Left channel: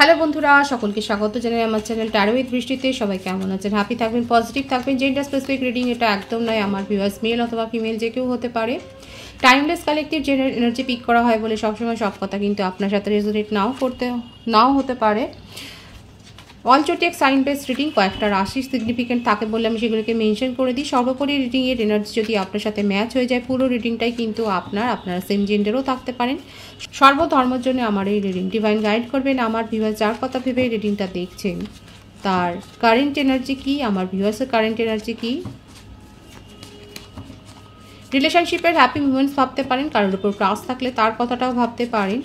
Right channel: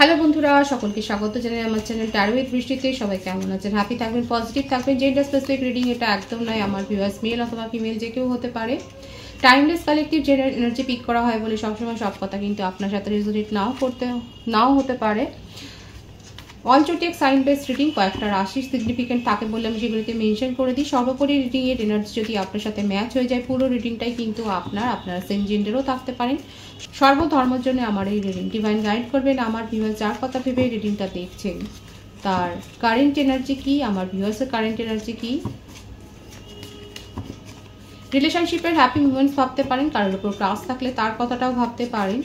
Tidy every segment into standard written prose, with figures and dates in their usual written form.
Hello বন্ধুরা, সকলকে স্বাগত জানাই আমার চ্যানেল ট্যারো উইথ বৃষ্টিতে। সবাই কেমন আছেন? হ্যাপি থাকবেন, পজিটিভ থাকবেন। জেন্ডার স্পেসিফিক রিডিং এটা একদম নয়, আমার ভিউয়ার্স মেল অথবা ফিমেল যে কেউ হতে পারে। Timeless collective gender energy pick করা হয় বলে সবসময় সব কথা কিন্তু আপনার সাথে রেজোনেট নাও হতে পারে। All zodiac sign base reading কয়েকটা রাশি সিগনিফিকেন্ট থাকে বলে আমি সেগুলোকে মেনশন করে দিই। সর্বোপরি রিডিংয়ের এনার্জি যদি আপনার সাথে ম্যাচ হয়ে যায়, পুরো রিডিংটাই কিন্তু আপনারা সেম জেন্ডারও থাকতে পারেন। সর্বধর্মের জন্য আমার এই রিডিং ডিভাইন গাইড করবেন। আমার ভিউয়ার্স যার কথা ভেবে রিডিংটা দেখছেন তার কারেন্ট এনার্জি কি, আমার ভিউয়ার্সের কারেন্ট এনার্জি কি। রিলেশনশিপের হ্যাপি মুমেন্টস ভাবতে পারেন, কারোর উপর ক্রাশ থাকলে তার কথাটাও ভাবতে পারেন,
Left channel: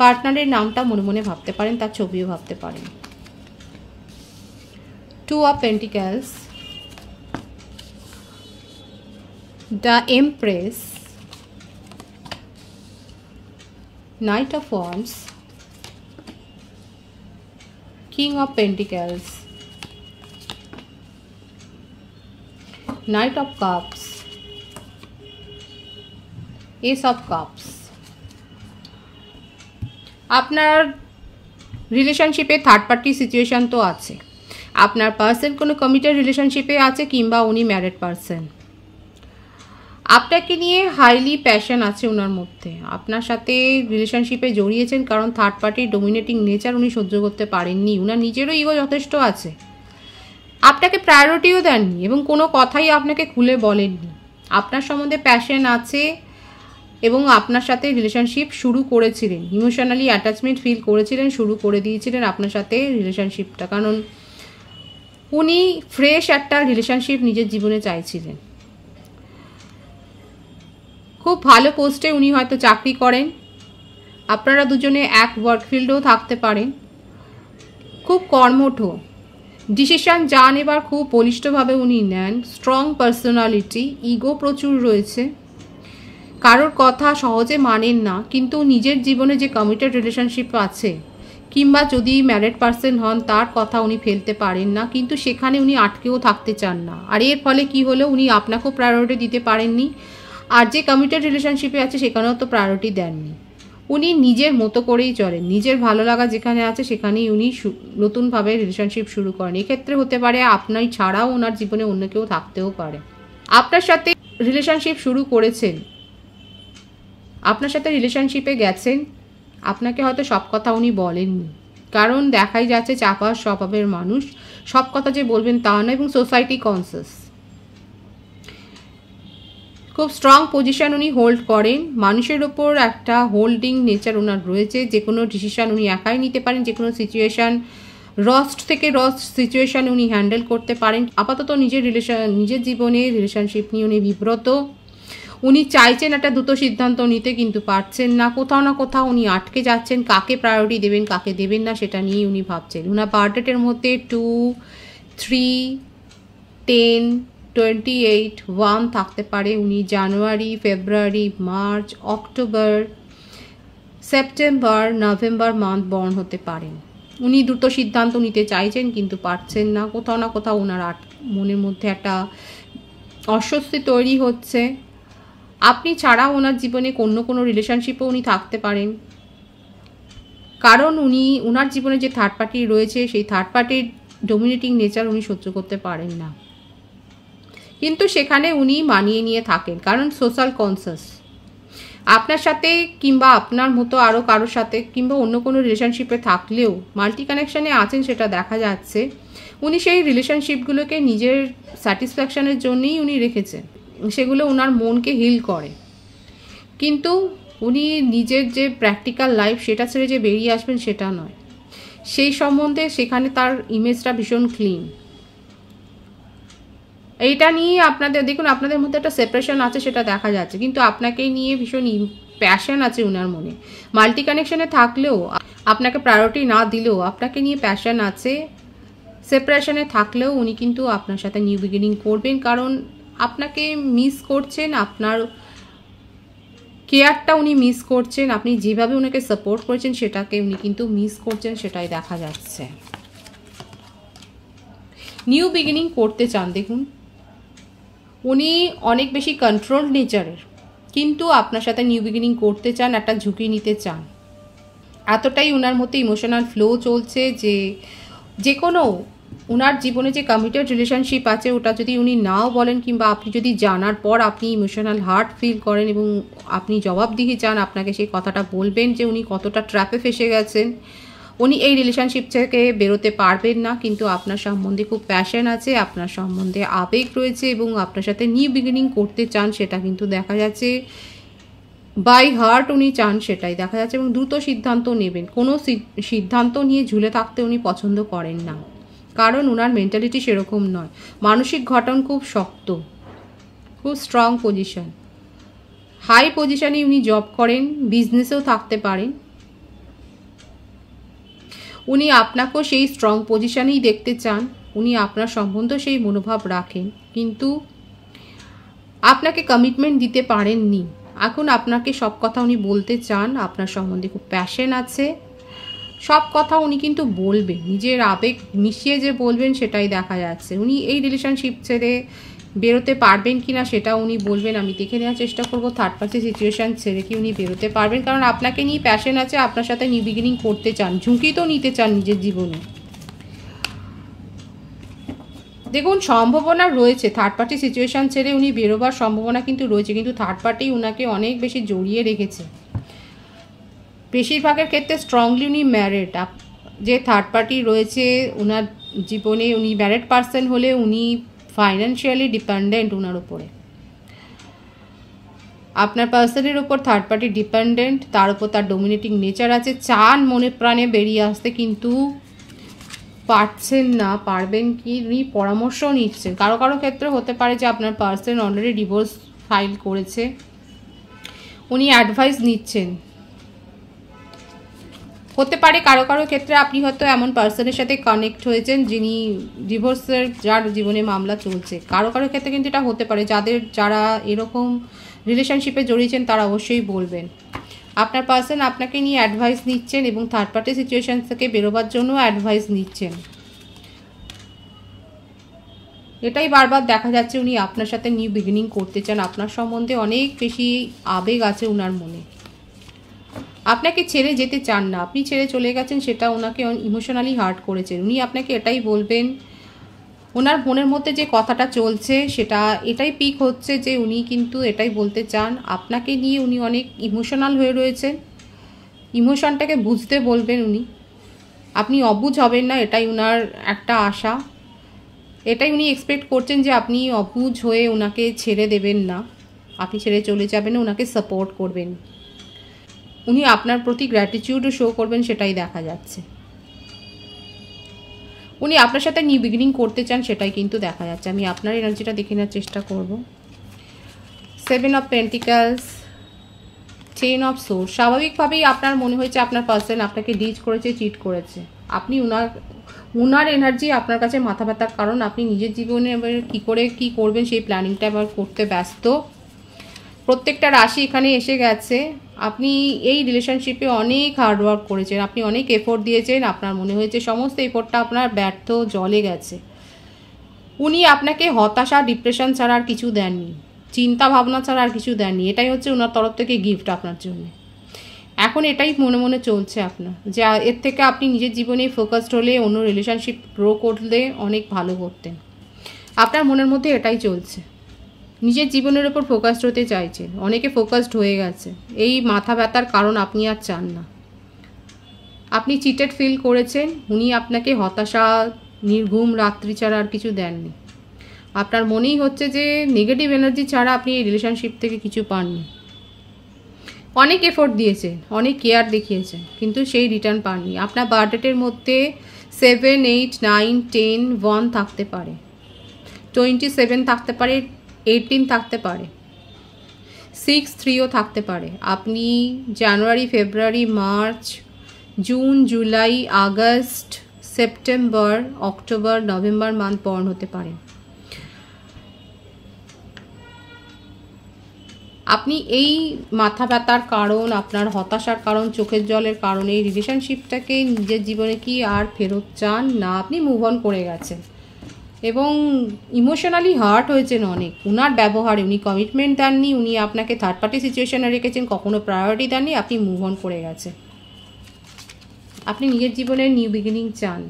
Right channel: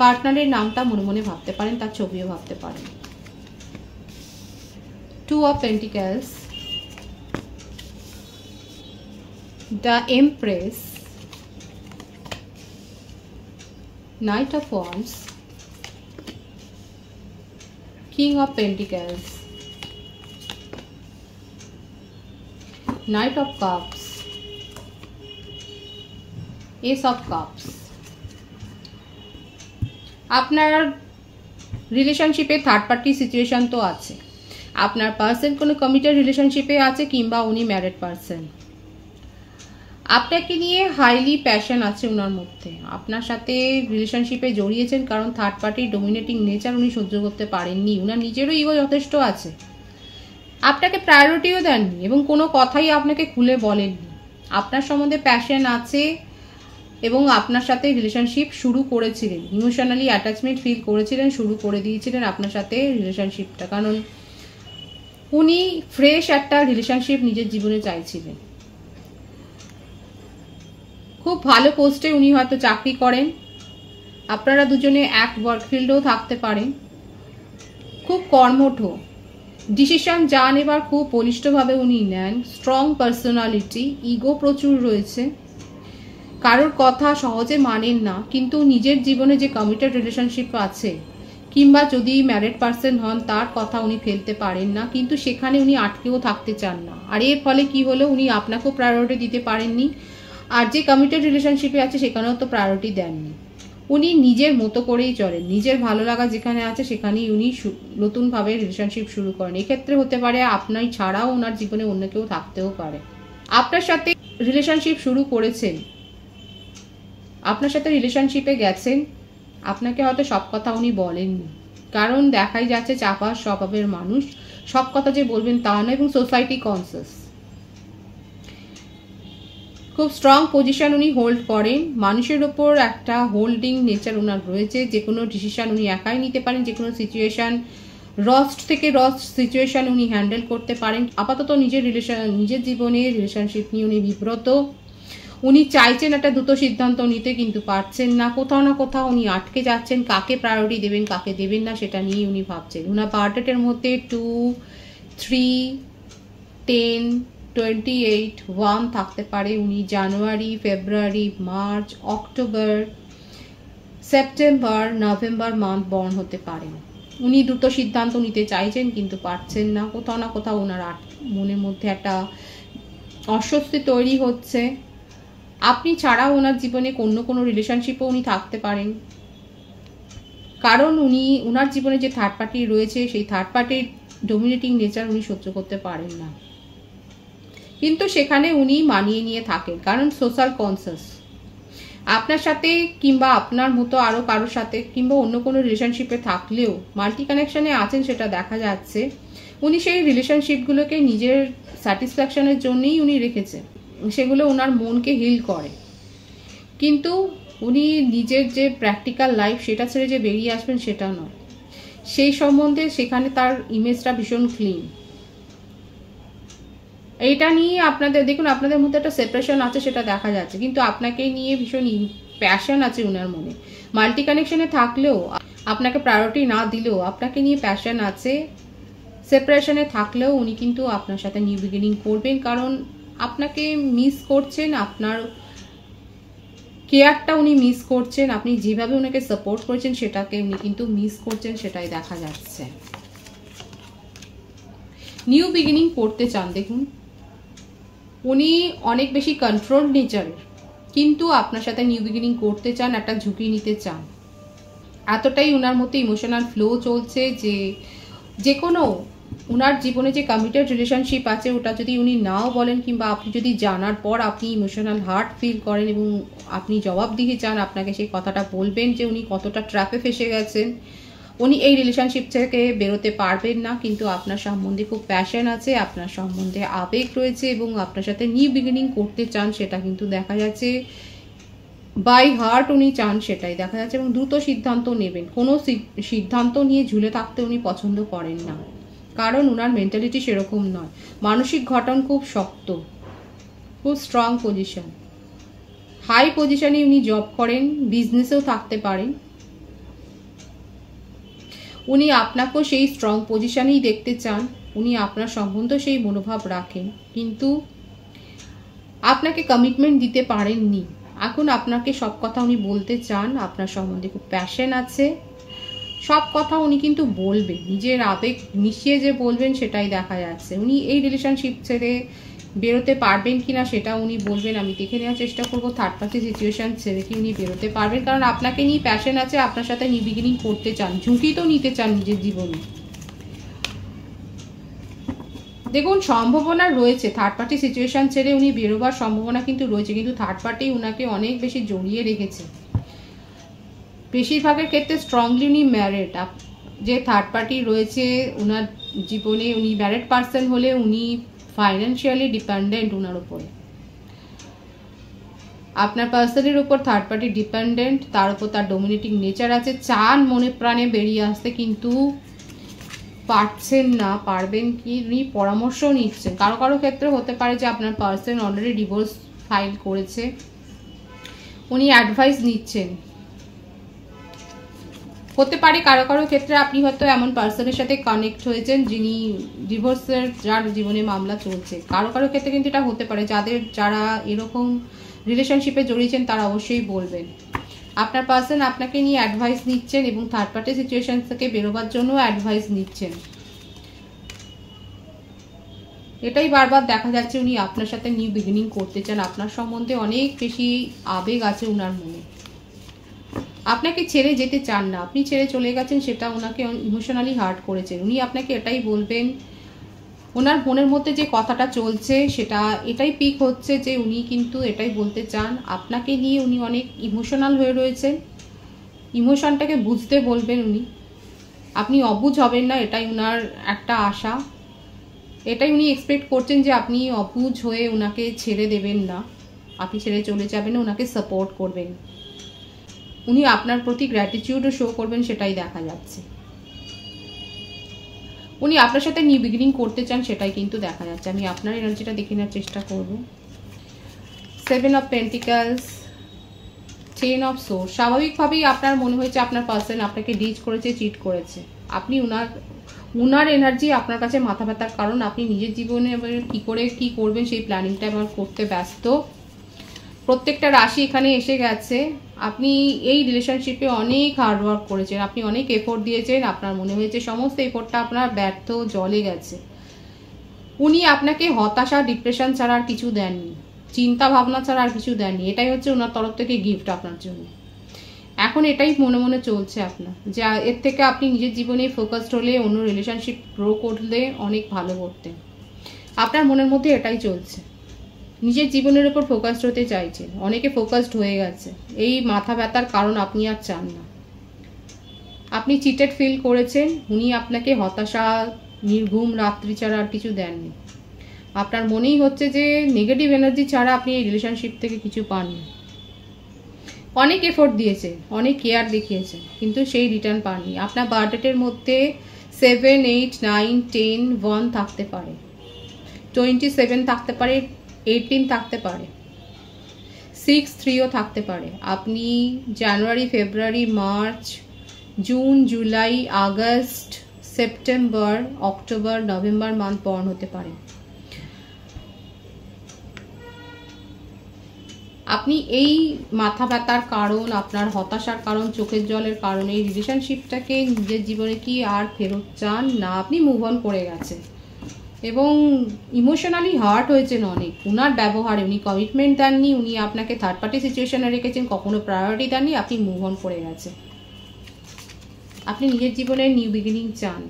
পার্টনারের নামটা মনে মনে ভাবতে পারেন, তার ছবিও ভাবতে পারেন। Two of Pentacles, the Empress, Knight of Wands, King of Pentacles, Knight of Cups, Ace of Cups। আপনার রিলেশনশিপে থার্ড পার্টি সিচুয়েশন তো আছে, আপনার পার্সন কোনো কমিটেড রিলেশনশিপে আছে কিংবা উনি ম্যারিড পার্সন। আপনাকে নিয়ে হাইলি প্যাশন আছে ওনার মধ্যে, আপনার সাথে রিলেশনশিপে জড়িয়েছেন কারণ থার্ড পার্টির ডোমিনেটিং নেচার উনি সহ্য করতে পারেননি। ওনার নিজেরও ইগো যথেষ্ট আছে, আপনাকে প্রায়োরিটিও দেননি এবং কোনো কথাই আপনাকে খুলে বলেননি। আপনার সম্বন্ধে প্যাশন আছে এবং আপনার সাথে রিলেশনশিপ শুরু করেছিলেন, ইমোশনালি অ্যাটাচমেন্ট ফিল করেছিলেন, শুরু করে দিয়েছিলেন আপনার সাথে রিলেশনশিপটা, কারণ উনি ফ্রেশ একটা রিলেশনশিপ নিজের জীবনে চাইছিলেন। খুব ভালো পোস্টে উনি হয়তো চাকরি করেন, আপনারা দুজনে এক ওয়ার্ক ফিল্ডেও থাকতে পারেন। খুব কর্মঠ, ডিসিশন যা নেবার খুব বলিষ্ঠভাবে উনি নেন। স্ট্রং পার্সোনালিটি, ইগো প্রচুর রয়েছে, কারোর কথা সহজে মানেন না, কিন্তু নিজের জীবনে যে কমিটেড রিলেশনশিপ আছে কিংবা যদি ম্যারিড পার্সন হন তার কথা উনি ফেলতে পারেন না, কিন্তু সেখানে উনি আটকেও থাকতে চান না। আর এর ফলে কি হলো, উনি আপনাকেও প্রায়োরিটি দিতে পারেননি, আর যে কমিটেড রিলেশনশিপে আছে সেখানেও তো প্রায়োরিটি দেননি। উনি নিজের মতো করেই চলেন, নিজের ভালো লাগা যেখানে আছে সেখানেই উনি নতুনভাবে রিলেশনশিপ শুরু করেন। এক্ষেত্রে হতে পারে আপনার ছাড়াও ওনার জীবনে অন্য কেউ থাকতেও পারে। আপনার সাথে রিলেশনশিপ শুরু করেছেন, আপনার সাথে রিলেশনশিপে গেছেন, আপনাকে হয়তো সব কথা উনি বলেননি, কারণ দেখাই যাচ্ছে চাপা স্বভাবের মানুষ, সব কথা যে বলবেন তা না, এবং সোসাইটি কনসিয়াস। খুব স্ট্রং পজিশন উনি হোল্ড করেন, মানুষের উপর একটা হোল্ডিং নেচার ওনার রয়েছে। যে কোনো ডিসিশন উনি একাই নিতে পারেন, যে কোনো সিচুয়েশন রস্ট থেকে রস্ট সিচুয়েশন উনি হ্যান্ডেল করতে পারেন। আপাতত নিজের জীবনে রিলেশনশিপ নিয়ে উনি বিব্রত, উনি চাইছেন একটা দ্রুত সিদ্ধান্ত নিতে কিন্তু পারছেন না, কোথাও না কোথাও উনি আটকে যাচ্ছেন। কাকে প্রায়োরিটি দেবেন কাকে দেবেন না সেটা নিয়ে উনি ভাবছেন। ওনার বার্থডেটের মধ্যে 2, 3, 10, 28, 1 থাকতে পারে। উনি January, February, March, October, September, November month born হতে পারেন। উনি দ্রুত সিদ্ধান্ত নিতে চাইছেন কিন্তু পারছেন না, কোথাও না কোথাও ওনার মনের মধ্যে একটা অস্বস্তি তৈরি হচ্ছে। আপনি ছাড়াও ওনার জীবনে কোনো রিলেশনশিপও উনি থাকতে পারেন, কারণ উনি ওনার জীবনে যে থার্ড পার্টি রয়েছে সেই থার্ড পার্টির ডোমিনেটিং নেচার উনি সহ্য করতে পারেন না, কিন্তু সেখানে উনি মানিয়ে নিয়ে থাকেন কারণ সোশ্যাল কনসিয়াস। আপনার সাথে কিংবা আপনার মতো আরও কারোর সাথে কিংবা অন্য কোনো রিলেশনশিপে থাকলেও মাল্টি কানেকশানে আছেন সেটা দেখা যাচ্ছে। উনি সেই রিলেশনশিপগুলোকে নিজের স্যাটিসফ্যাকশনের জন্যই উনি রেখেছেন, সেগুলো ওনার মনকে হিল করে, কিন্তু উনি নিজের যে প্র্যাকটিক্যাল লাইফ সেটা ছেড়ে যে বেরিয়ে আসবেন সেটা নয়। সেই সম্বন্ধে সেখানে তার ইমেজটা ভীষণ ক্লিন। এইটা নিয়ে আপনাদের দেখুন, আপনাদের মধ্যে একটা সেপারেশন আছে সেটা দেখা যাচ্ছে, কিন্তু আপনাকে নিয়ে ভীষণ প্যাশন আছে ওনার মনে। মাল্টি কানেকশনে থাকলেও আপনাকে প্রায়োরিটি না দিলেও আপনাকে নিয়ে প্যাশন আছে। সেপারেশনে থাকলেও উনি কিন্তু আপনার সাথে নিউ বিগিনিং করবেন, কারণ আপনাকে মিস করছেন, আপনার কেয়ারটা উনি মিস করছেন, আপনি যেভাবে ওনাকে সাপোর্ট করেছেন সেটাকে উনি কিন্তু মিস করছেন, সেটাই দেখা যাচ্ছে। নিউ বিগিনিং করতে চান, দেখুন উনি অনেক বেশি কন্ট্রোল নেচারের, কিন্তু আপনার সাথে নিউ বিগিনিং করতে চান, একটা ঝুঁকি নিতে চান। এতটাই ওনার মধ্যে ইমোশনাল ফ্লো চলছে যে কোনো ওনার জীবনে যে কমিটেড রিলেশনশিপ আছে ওটা যদি উনি নাও বলেন, কিংবা আপনি যদি জানার পর আপনি ইমোশনাল হার্ট ফিল করেন এবং আপনি জবাবদিহি চান, আপনাকে সেই কথাটা বলবেন যে উনি কতটা ট্র্যাপে ফেসে গেছেন। উনি এই রিলেশনশিপ থেকে বেরোতে পারবেন না, কিন্তু আপনার সম্বন্ধে খুব প্যাশন আছে, আপনার সম্বন্ধে আবেগ রয়েছে এবং আপনার সাথে নিউ বিগিনিং করতে চান, সেটা কিন্তু দেখা যাচ্ছে। বাই হার্ট উনি চান, সেটাই দেখা যাচ্ছে। এবং দ্রুত সিদ্ধান্ত নেবেন। কোনো সিদ্ধান্ত নিয়ে ঝুলে থাকতে উনি পছন্দ করেন না, কারণ ওনার মেন্টালিটি সেরকম নয়। মানসিক গঠন খুব শক্ত, খুব স্ট্রং পজিশন, হাই পজিশনে উনি জব করেন, বিজনেসেও থাকতে পারেন। উনি আপনাকেও সেই স্ট্রং পজিশনেই দেখতে চান, উনি আপনার সম্বন্ধে সেই মনোভাব রাখেন, কিন্তু আপনাকে কমিটমেন্ট দিতে পারেননি। এখন আপনাকে সব কথা উনি বলতে চান, আপনার সম্বন্ধে খুব প্যাশন আছে, সব কথা উনি কিন্তু বলবেন, নিজের আবেগ মিশিয়ে যে বলবেন সেটাই দেখা যাচ্ছে। উনি এই রিলেশনশিপ ছেড়ে বেরোতে পারবেন কিনা সেটা উনি বলবেন, আমি দেখে নেওয়ার চেষ্টা করবো। থার্ড পার্টি সিচুয়েশন ছেড়ে কি উনি বেরোতে পারবেন, কারণ আপনাকে নিয়ে প্যাশন আছে, আপনার সাথে নিউ বিগিনিং করতে চান, ঝুঁকি তো নিতে চান নিজের জীবনে। দেখুন সম্ভাবনা রয়েছে, থার্ড পার্টি সিচুয়েশন ছেড়ে উনি বেরোবার সম্ভাবনা কিন্তু রয়েছে, কিন্তু থার্ড পার্টি উনাকে অনেক বেশি জড়িয়ে রেখেছে। বেশিরভাগের ক্ষেত্রে স্ট্রংলি উনি ম্যারিড। যে থার্ড পার্টি রয়েছে ওনার জীবনে, উনি ম্যারিড পার্সন হলে উনি ফাইন্যান্সিয়ালি ডিপেন্ডেন্ট ওনার উপরে। আপনার পার্সনের উপর থার্ড পার্টি ডিপেন্ডেন্ট, তার উপর তার ডোমিনেটিং নেচার আছে, চান মনে প্রাণে বেরিয়ে আসতে, কিন্তু পারছেন না। পারবেন কি উনি পরামর্শ নিচ্ছেন। কারো কারো ক্ষেত্রে হতে পারে যে আপনার পার্সন অলরেডি ডিভোর্স ফাইল করেছে, উনি অ্যাডভাইস নিচ্ছেন। হতে পারে কারো কারো ক্ষেত্রে আপনি হয়তো এমন পার্সনের সাথে কানেক্ট হয়েছেন যিনি ডিভোর্সের, যার জীবনে মামলা চলছে। কারো কারো ক্ষেত্রে কিন্তু এটা হতে পারে, যারা এরকম রিলেশনশিপে জড়িয়েছেন তারা অবশ্যই বলবেন। আপনার পার্সন আপনাকে নিয়ে অ্যাডভাইস নিচ্ছেন এবং থার্ড পার্টি সিচুয়েশন থেকে বেরোবার জন্য অ্যাডভাইস নিচ্ছেন। এটাই বারবার দেখা যাচ্ছে, উনি আপনার সাথে নিউ বিগিনিং করতে চান, আপনার সম্বন্ধে অনেক বেশি আবেগ আছে ওনার মনে, আপনাকে ছেড়ে যেতে চান না। আপনি ছেড়ে চলে গেছেন, সেটা ওনাকে ইমোশনালি হার্ট করেছেন। উনি আপনাকে এটাই বলবেন, ওনার মনের মধ্যে যে কথাটা চলছে সেটা এটাই পিক হচ্ছে যে উনি কিন্তু এটাই বলতে চান, আপনাকে নিয়ে উনি অনেক ইমোশনাল হয়ে রয়েছেন, ইমোশনটাকে বুঝতে বলবেন উনি, আপনি অবুঝ হবেন না, এটাই ওনার একটা আশা। এটাই উনি এক্সপেক্ট করছেন যে আপনি অবুঝ হয়ে ওনাকে ছেড়ে দেবেন না, আপনি ছেড়ে চলে যাবেন, ওনাকে সাপোর্ট করবেন, উনি আপনার প্রতি গ্র্যাটিটিউডও শো করবেন, সেটাই দেখা যাচ্ছে। উনি আপনার সাথে নিউ বিগিনিং করতে চান, সেটাই কিন্তু দেখা যাচ্ছে। আমি আপনার এনার্জিটা দেখে নেওয়ার চেষ্টা করব। 7 অফ পেন্টিকলস, 10 অফ সোর্স। স্বাভাবিকভাবেই আপনার মনে হয়েছে আপনার পার্সন আপনাকে ডিচ করেছে, চিট করেছে। আপনি উনার এনার্জি আপনার কাছে মাথা ব্যথার কারণ, আপনি নিজের জীবনে এবার কী করে কী করবেন সেই প্ল্যানিংটা এবার করতে ব্যস্ত। প্রত্যেকটা রাশি এখানে এসে গেছে। আপনি এই রিলেশনশিপে অনেক হার্ডওয়ার্ক করেছেন, আপনি অনেক এফোর্ট দিয়েছেন, আপনার মনে হয়েছে সমস্ত এফোর্টটা আপনার ব্যর্থ, জলে গেছে। উনি আপনাকে হতাশা, ডিপ্রেশন ছাড়া আর কিছু দেননি, চিন্তা ভাবনা ছাড়া আর কিছু দেননি। এটাই হচ্ছে ওনার তরফ থেকে গিফট আপনার জন্য। এখন এটাই মনে মনে চলছে আপনার, যে এর থেকে আপনি নিজের জীবনে ফোকাসড হলে, অন্য রিলেশনশিপ গ্রো করলে অনেক ভালো করতেন। আপনার মনের মধ্যে এটাই চলছে, নিজের জীবনের উপর ফোকাসড হতে চাইছেন। অনেকে ফোকাসড হয়ে গেছে, এই মাথা ব্যথার কারণ আপনি আর চান না। আপনি চিটেড ফিল করেছেন, উনি আপনাকে হতাশা, নির্ঘুম রাত্রি ছাড়া আর কিছু দেননি। আপনার মনেই হচ্ছে যে নেগেটিভ এনার্জি ছাড়া আপনি এই রিলেশনশিপ থেকে কিছু পাননি। অনেক এফোর্ট দিয়েছেন, অনেক কেয়ার দেখিয়েছেন, কিন্তু সেই রিটার্ন পাননি। আপনার বার্থডেটের মধ্যে 7, 8, 9, 10, 1 থাকতে পারে, 27 থাকতে পারে, 18 থাকতে পারে, 6, 3ও থাকতে পারে। আপনি January, February, March, June, July, August, September, October, November month born হতে পারে। আপনি এই মাথা ব্যথার কারণ, আপনার হতাশার কারণ, চোখের জলের কারণ, এই রিলেশনশিপটাকে নিজের জীবনে কি আর ফেরত চান না, আপনি মুভ অন করে গেছেন এবং ইমোশনালি হার্ট হয়েছেন অনেক উনার ব্যবহারে। উনি কমিটমেন্ট দেননি, উনি আপনাকে থার্ড পার্টি সিচুয়েশনে রেখেছেন, কখনো প্রায়োরিটি দেননি, আপনি মুভ অন করে গেছেন। আপনি নিজের জীবনে নিউ বিগিনিং চান।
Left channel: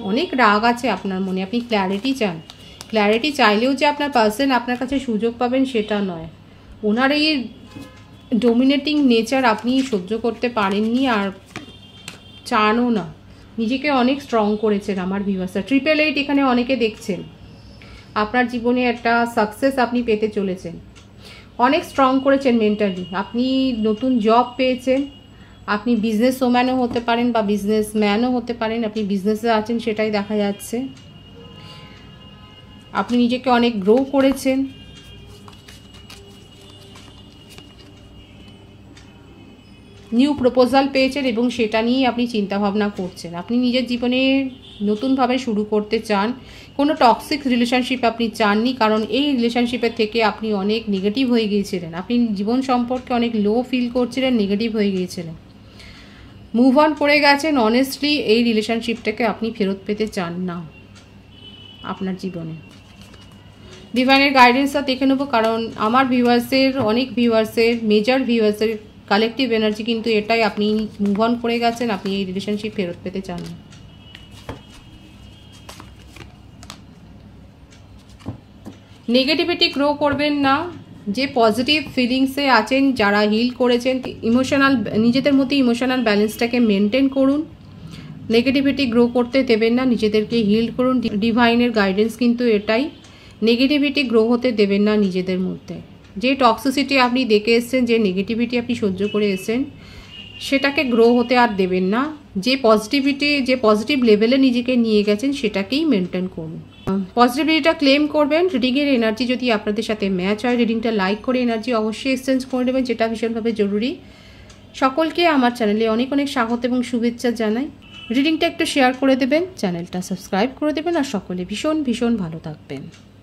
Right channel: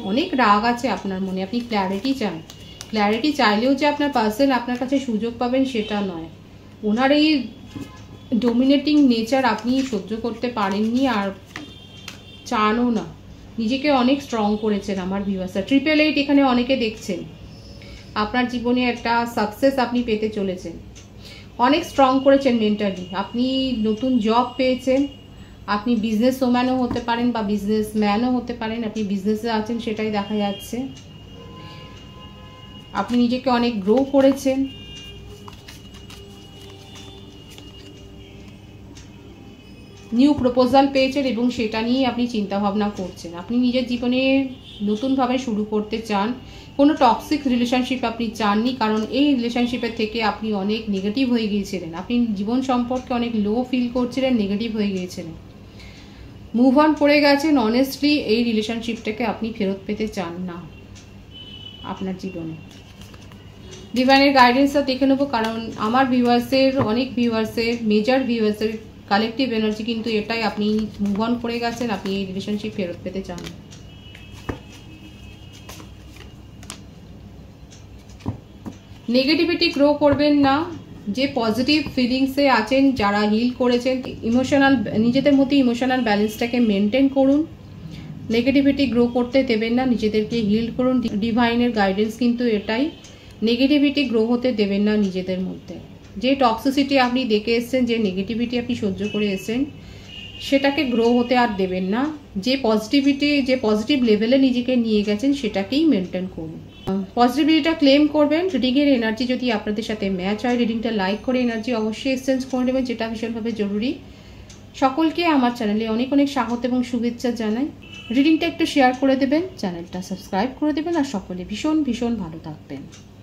অনেক রাগ আছে আপনার মনে, আপনি ক্ল্যারিটি চান। ক্ল্যারিটি চাইলেও যে আপনার পার্সন আপনার কাছে সুযোগ পাবেন সেটা নয়। ওনার এই ডোমিনেটিং নেচার আপনি সহ্য করতে পারেননি আর চানও না। নিজেকে অনেক স্ট্রং করেছেন আমার ভিউয়ার্সরা। 888 এখানে অনেকে দেখছেন। আপনার জীবনে একটা সাকসেস আপনি পেতে চলেছেন। অনেক স্ট্রং করেছেন মেন্টালি। আপনি নতুন জব পেয়েছেন। আপনি বিজনেস ওম্যানও হতে পারেন বা বিজনেস ম্যানও হতে পারেন। আপনি বিজনেসে আছেন সেটাই দেখা যাচ্ছে। আপনি নিজেকে অনেক গ্রো করেছেন। নিউ প্রপোজাল পেয়েছেন এবং সেটা নিয়েই আপনি চিন্তা ভাবনা করছেন। আপনি নিজের জীবনে নতুনভাবে শুরু করতে চান। কোনো টক্সিক রিলেশনশিপ আপনি চাননি, কারণ এই রিলেশনশিপের থেকে আপনি অনেক নেগেটিভ হয়ে গিয়েছিলেন। আপনি জীবন সম্পর্কে অনেক লো ফিল করছিলেন, নেগেটিভ হয়ে গিয়েছিলেন। মুভ অন করে গেছেন। অনেস্টলি এই রিলেশনশিপটাকে আপনি ফেরত পেতে চান না আপনার জীবনে। ডিভাইনের গাইডেন্সটা দেখে নেবো, কারণ আমার ভিউয়ার্সের, অনেক ভিউয়ার্সের, মেজর ভিউয়ার্সের কালেকটিভ এনার্জি কিন্তু এটাই, আপনি মুভ অন করে গেছেন, আপনি এই রিলেশনশিপ ফেরত পেতে চান না। নেগেটিভিটি গ্রো করবেন না। যে পজিটিভ ফিলিংসে আছেন, যারা হিল করেছেন, ইমোশনাল, নিজেদের মধ্যে ইমোশনাল ব্যালেন্সটাকে মেনটেন করুন। নেগেটিভিটি গ্রো করতে দেবেন না, নিজেদেরকে হিল করুন। ডিভাইনের গাইডেন্স কিন্তু এটাই, নেগেটিভিটি গ্রো হতে দেবেন না নিজেদের মধ্যে। যে টক্সিসিটি আপনি দেখে এসছেন, যে নেগেটিভিটি আপনি সহ্য করে এসছেন, সেটাকে গ্রো হতে আর দেবেন না। যে পজিটিভিটি, যে পজিটিভ লেভেলে নিজেকে নিয়ে গেছেন সেটাকেই মেনটেন করুন। পজিটিভিটিটা ক্লেম করবেন। রিডিংয়ের এনার্জি যদি আপনাদের সাথে ম্যাচ হয়, রিডিংটা লাইক করে এনার্জি অবশ্যই এক্সচেঞ্জ করে নেবেন, যেটা ভীষণভাবে জরুরি। সকলকে আমার চ্যানেলে অনেক অনেক স্বাগত এবং শুভেচ্ছা জানাই। রিডিংটা একটু শেয়ার করে দেবেন, চ্যানেলটা সাবস্ক্রাইব করে দেবেন, আর সকলে ভীষণ ভীষণ ভালো থাকবেন।